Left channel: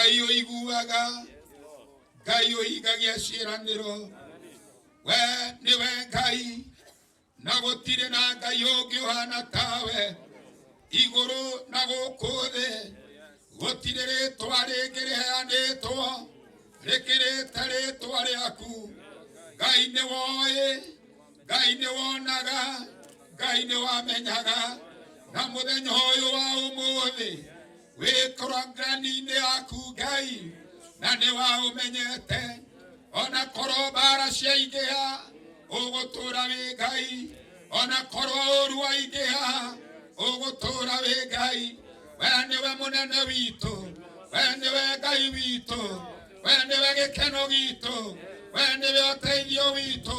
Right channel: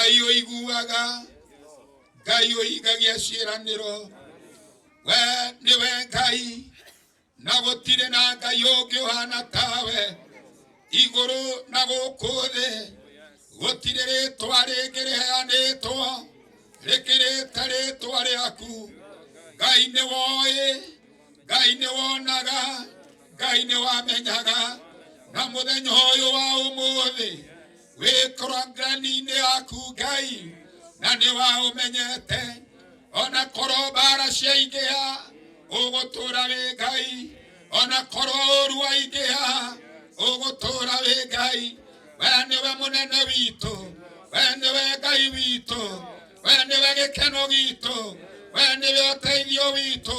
Ngai oiguaga, Ngai oigagia ciĩranĩro, we nĩwe Ngai, na gũtirĩ na Ngai ũngĩ ũhana tawe, igũrũ na gũkũ thĩ, gũtirĩ rĩtwa rĩngĩ rĩheanĩtwo rĩkĩrĩte rĩtwa rĩaku. Ngai nĩ woĩ, Ngai nĩ wonaga, Ngai nĩ wamenyaga, na mũthenya ũyũ wa ũmũthĩ wĩkoragani-inĩ yaku Ngai, na nĩ waũmenyete. Ona korwo mbara ciaingĩha ũgũtũũra wĩ Ngai, ona korwo ũru waingĩha ũgũtũũra wĩ Ngai. We nĩwe mũnene witũ, we nĩwe Ngai witũ, we nĩwe gĩkeno gitũ, we nĩwe ũteithio witũ.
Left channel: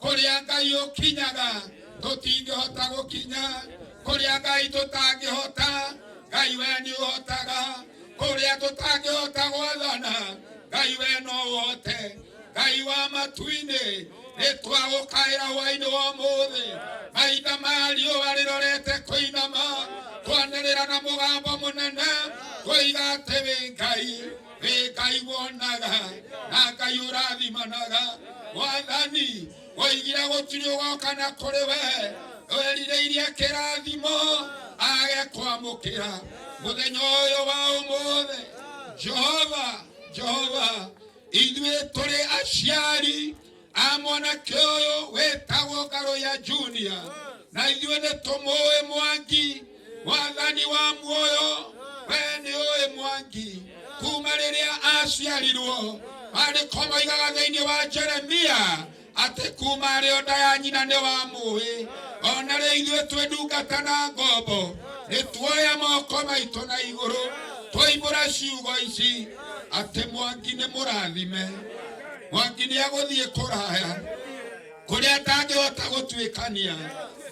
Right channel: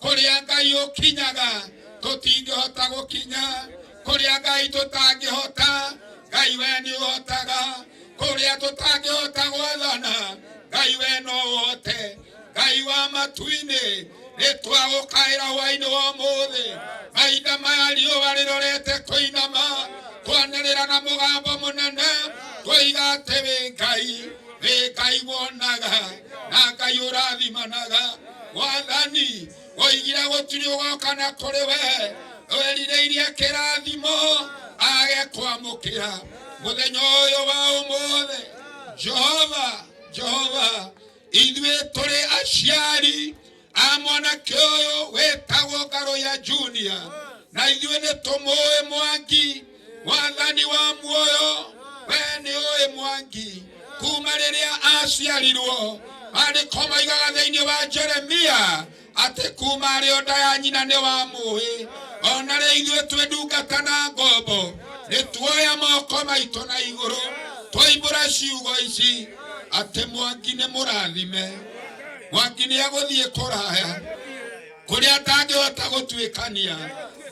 Kũrĩa Ngai ũkinyaga tũtingĩhota gũkinya, kũrĩa Ngai tũtangĩhota Ngai we nĩ ũhotaga, kũrĩa tũtangĩhota gwathana Ngai we no ũhote. Ngai wa matu-inĩ nĩtwagũkaĩra hwaĩ-inĩ wa ũmũthĩ, mahinda maya riũa rĩrorete kũinama, twanĩrĩra na mũgambo mũnene twoiga atĩ wĩ Ngai, wĩ Ngai wonaga na Ngai ũrathimanaga. Mwathani woigire gũtirĩ ũgoka na kũrĩ we, werirĩirie kĩrathimo age kwamũkĩra mũthenya ũyũ wa ũmũthĩ. Jehova, Jehova, ithuĩ tũrĩ aciari a mwanake ũyũ wĩtagwo Ngaroya Junior, na ithuĩ nĩtũmũĩ Mwangi, Mwathani wa muoyo, we nĩũĩ Mwangi kuma rĩrĩa aciarirwo. Maandĩko moigaga thĩinĩ wa Jeremia atĩ kuma arĩ o nda ya nyina nĩ wamũĩ. Ona rĩu ithuĩ twĩ ndungata na ngombo nĩtuoya moko maitũ na igũrũ twoimbũra ciugo ici atĩ Mwangi nĩ mũrathime, Mwangi nĩagũthiĩ kũraya kũrĩa atangĩhota gũtuĩkania.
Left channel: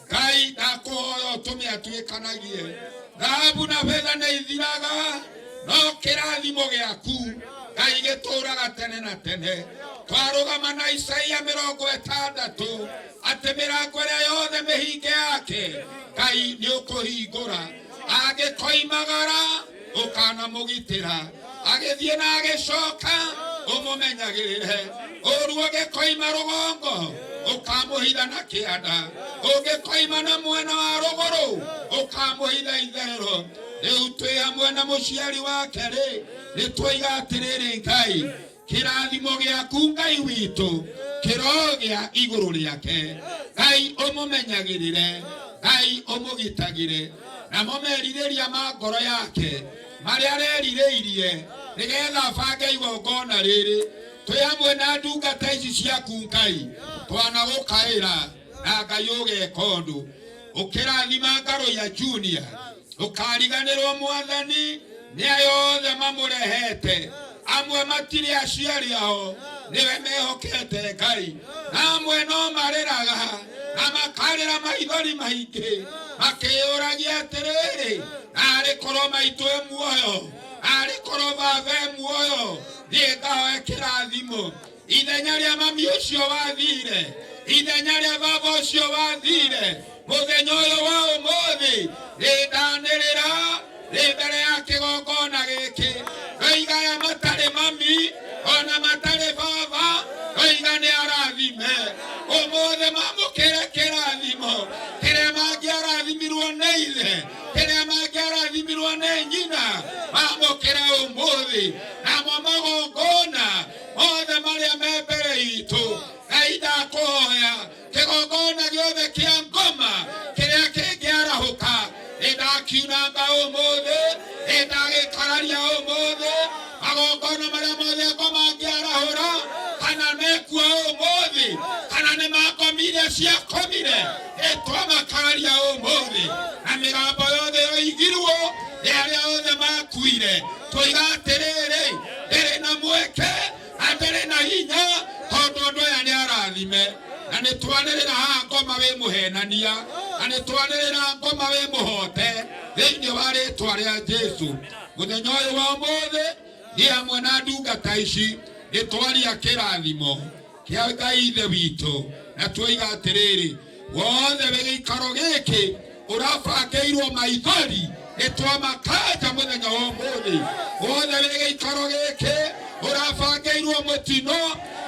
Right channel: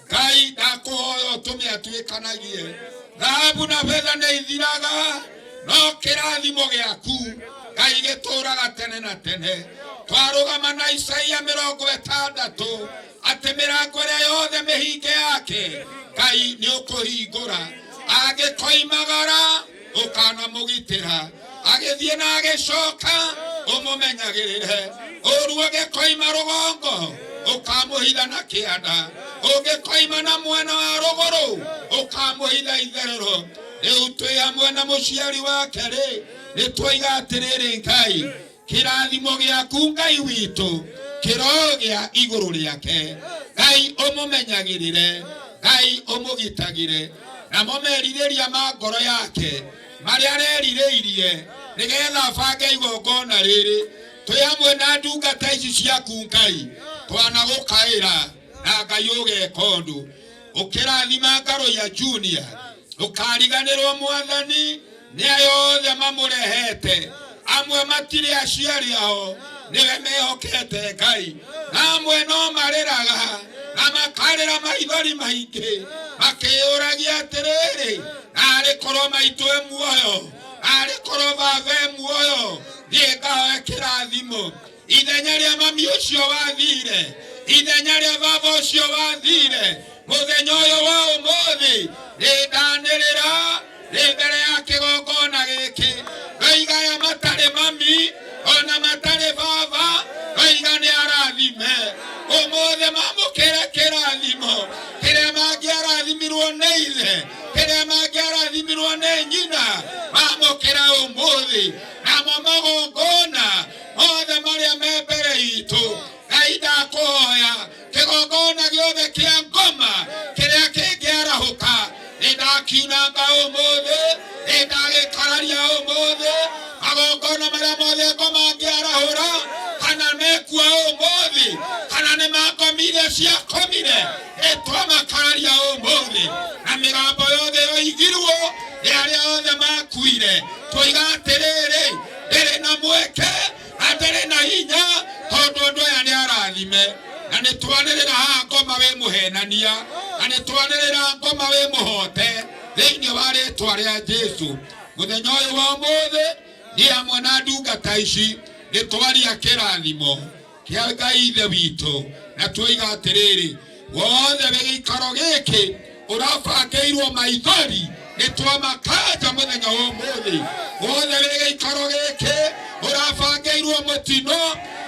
Ngai ndakũhoya ũtũme atuĩkanagie. Thahabu na betha nĩ ithiraga, no kĩrathimo gĩaku Ngai gĩtũũraga tene na tene. Twarũgama na Isaia 60 atĩ mĩrango ĩrĩa yothe mĩhinge yake Ngai nĩũkũhingũra. Agĩkoimagara ũkanamũgitĩra, agĩthiĩ na agĩcoka ũmũmenyagĩrĩre. Ũruo ũgĩkoima rũgongo ũkamũhitha na kĩanda, ũgĩkoima na mwena wa rũgũrũ ũkamũhitha itherero. Rĩu twĩ hamwe na mũciari wake rĩ, nĩtwoiga atĩrĩrĩ Ngai, kĩrathimo gĩaku Ngai witũ kĩrogĩa igũrũ rĩake. Ngai ũmũmenyagĩrĩre, Ngai ũmũgitagĩre, namo merirĩria ma ngoro yake marĩa arerirĩirie nĩgetha bange igongona rĩrĩ. Twĩ hamwe na ndungata ici ciaku Ngai, twanagũkaĩra na Ngai ũgeka ũndũ. Ũkĩrathima Ngaroya Junior, ũkariganĩrwo Mwathani nĩ ayothe mamũrehete. Amwe matirĩ aciari ao, nĩwe mehokete Ngai, amwe no marĩraga na makarĩra maithori maingĩ makĩyũragia atĩrĩrĩ, arĩ korwo maitũ e muoyo, arĩ korwo baba e muoyo, thiĩ ngahoe kĩrathimo. Ithenya rĩa mami ũcio wathire, ithenya rĩa baba ũcio wathire, mũthenya ũyũ wa ũmũthĩ nĩndanĩrĩra rĩ mbere ya kĩgongona gĩkĩ. Ndoiga aya matarĩ mami ona matarĩ baba, ndoiga nĩ arathime. Ũmũthĩ mamũkĩre kĩrathimo kĩrĩa mangĩarathimirwo nĩ ithe, kĩrĩa mangĩarathimirwo nĩ nyina, mamũkĩra ũmũthĩ. Namo magongona mothe marĩa me mbere itũ, Ngai ndakũhoya kĩgongona gĩothe kĩa ngoma kĩrĩa kĩngĩarahũka nĩndakiunanga ũmũthĩ, nĩndagĩkararia ũmũthĩ. Magongona marĩa mothe ngoma angĩarahũra kana mekua ũmũthĩ kana nĩ makomire ciakomire, nĩtwamakararia ũmũthĩ. Na mĩgambo yothe yoigirwo nĩ arĩa othe makuire, twoiga atĩrĩrĩ, ndĩrĩ na mweke na ndĩrĩ na hinya tondũ andũ aya nĩ arathime. Na nĩtwanĩrĩra haha ngoma wĩ mũhenania, na nĩtwanĩrĩra ngoma wĩ mũhote thĩinĩ wa rĩtwa rĩa Jesũ. Mũthenya ũyũ wa ũmũthĩ nĩ hamwe na ndungata ici nĩtwaria kĩrathimo kĩa Ngai ithe witũ, na twoiga atĩrĩrĩ, wothe wĩ gĩikaro gĩkĩ ũrabangĩirwo maithori Nitwa makaja muthenya wa umuthi wothe wĩ gĩikaro gĩkĩ ũrabangĩirwo mũtino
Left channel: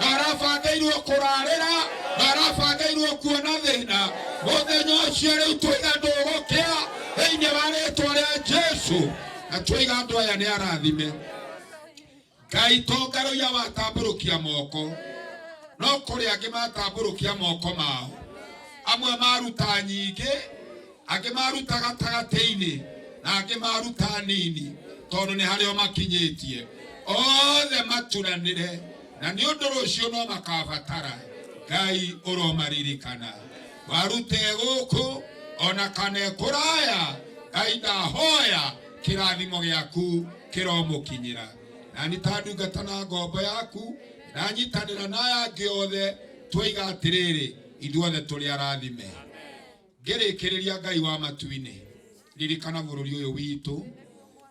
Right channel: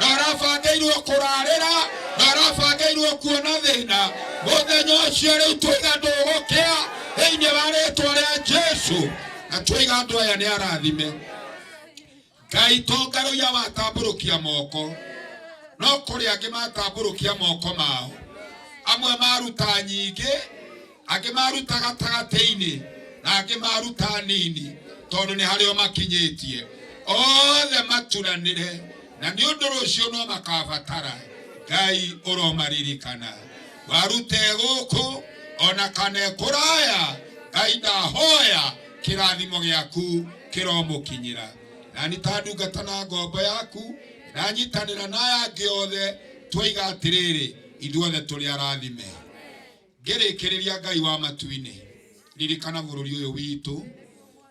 na ũrabangĩirwo kũrarĩra na ũrabangĩirwo kuona thĩna muthenya ũcio rĩu tũiga ndũgũkĩa thĩinĩ wa rĩĩtwa rĩa Jesu na tũiga andũ aya nĩ arathime. Ngai to ngarũia watambũrũkia moko no kũrĩ angĩ matambũrũkia moko mao, amwe maruta nyingĩ, angĩ maruta gatagatĩ-inĩ na angĩ maruta nini tondũ nĩ harĩa makinyĩtie. Othe maturanĩre na nĩ ũndũ rũciũ no makabatara. Ngai ũromaririkana warute gũkũ ona kana kũraya. Ngai ndahoya kĩrathimo gĩaku kĩromũkinyĩra. Na nĩ ta ndungata na ngombo yaku nanyitanĩra na aya angĩ othe twoiga atĩrĩrĩ ithuothe tũrĩ arathime. Ngĩrĩkĩrĩria Ngai wa matu-inĩ, ririkana bũrũri ũyũ witũ,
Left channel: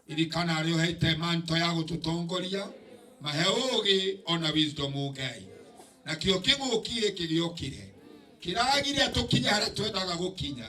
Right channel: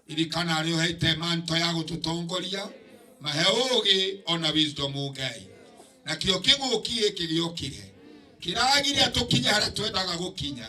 ririkana arĩa ũheete manto ya gũtũtongoria, mahe ũũgĩ ona wisdom Ngai. Na kĩo kĩng'ũki gĩkĩ gĩokire kĩragire tũkinye harĩa twendaga gũkinya,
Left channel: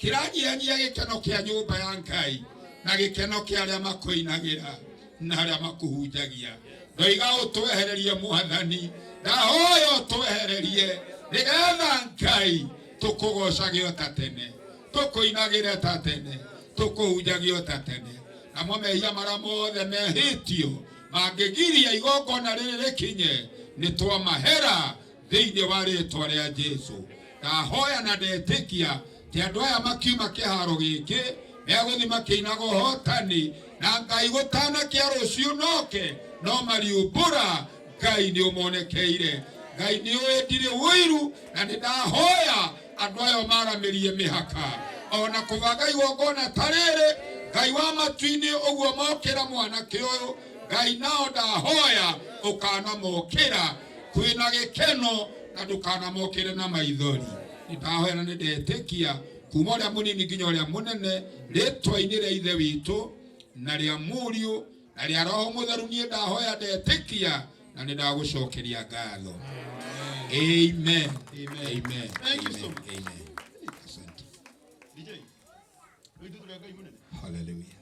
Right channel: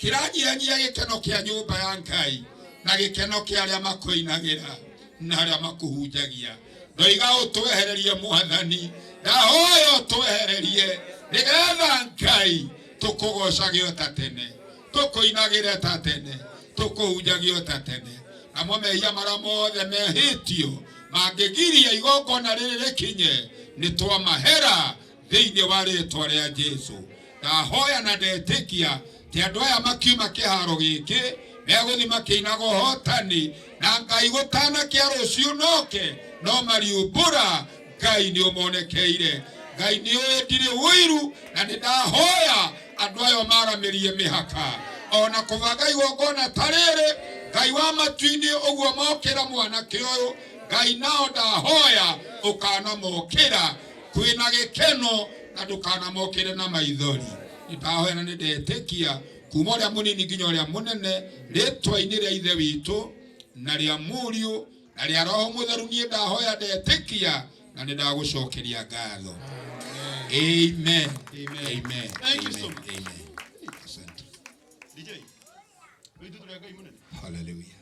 kĩranyihanyia gĩkeno kĩa nyũmba ya Ngai na gĩkeno kĩa arĩa makwĩinagĩra na arĩa makũhunjagia. Ndoiga ũtwehererie Mwathani, ndahoya ũtwehererie nĩgetha Ngai tũkũgocage o ta tene, tũkũinagĩre ta tene, tũkũhunjagie o ta tene. Namo mehia marĩa mothe mehĩtio mangĩgiria igongona rĩrĩ rĩkinye nĩ twamahera thĩinĩ wa rĩĩtwa rĩa Jesu. Ndahoya na ndetĩkia atĩ andũ aya makiuma kĩharo gĩkĩ megũthiĩ makĩinaga ũhotani na Ngai gũtanakia rũciũ noke no mariũmbũra. Ngai nĩ ũmonekeire, Ngai nĩ ũĩ ndirĩ ũiru na nĩ ndahoya andũ aya maramĩrie mĩhaka ona kũbanga igongona ta rĩrĩ. Ngai wa matu-inĩ ũguo mokĩra mwanake ũyũ, Ngai nao ndahoya ũkanamokĩra kwĩna gĩkeno na ndũkanamokĩre na maithori. Ndahoya na nĩ ndetĩkia kuma ũrĩa mũnini nginya ũrĩa mũnene rĩĩtwa-inĩ rĩa Ithe witũ na rĩa Mũriũ na rĩa Roho Mũtheru niĩ ndahoya ndetĩkia na nĩ ndagũcokeria ngatho. Amen. Amen. Amen. Amen. Hallelujah.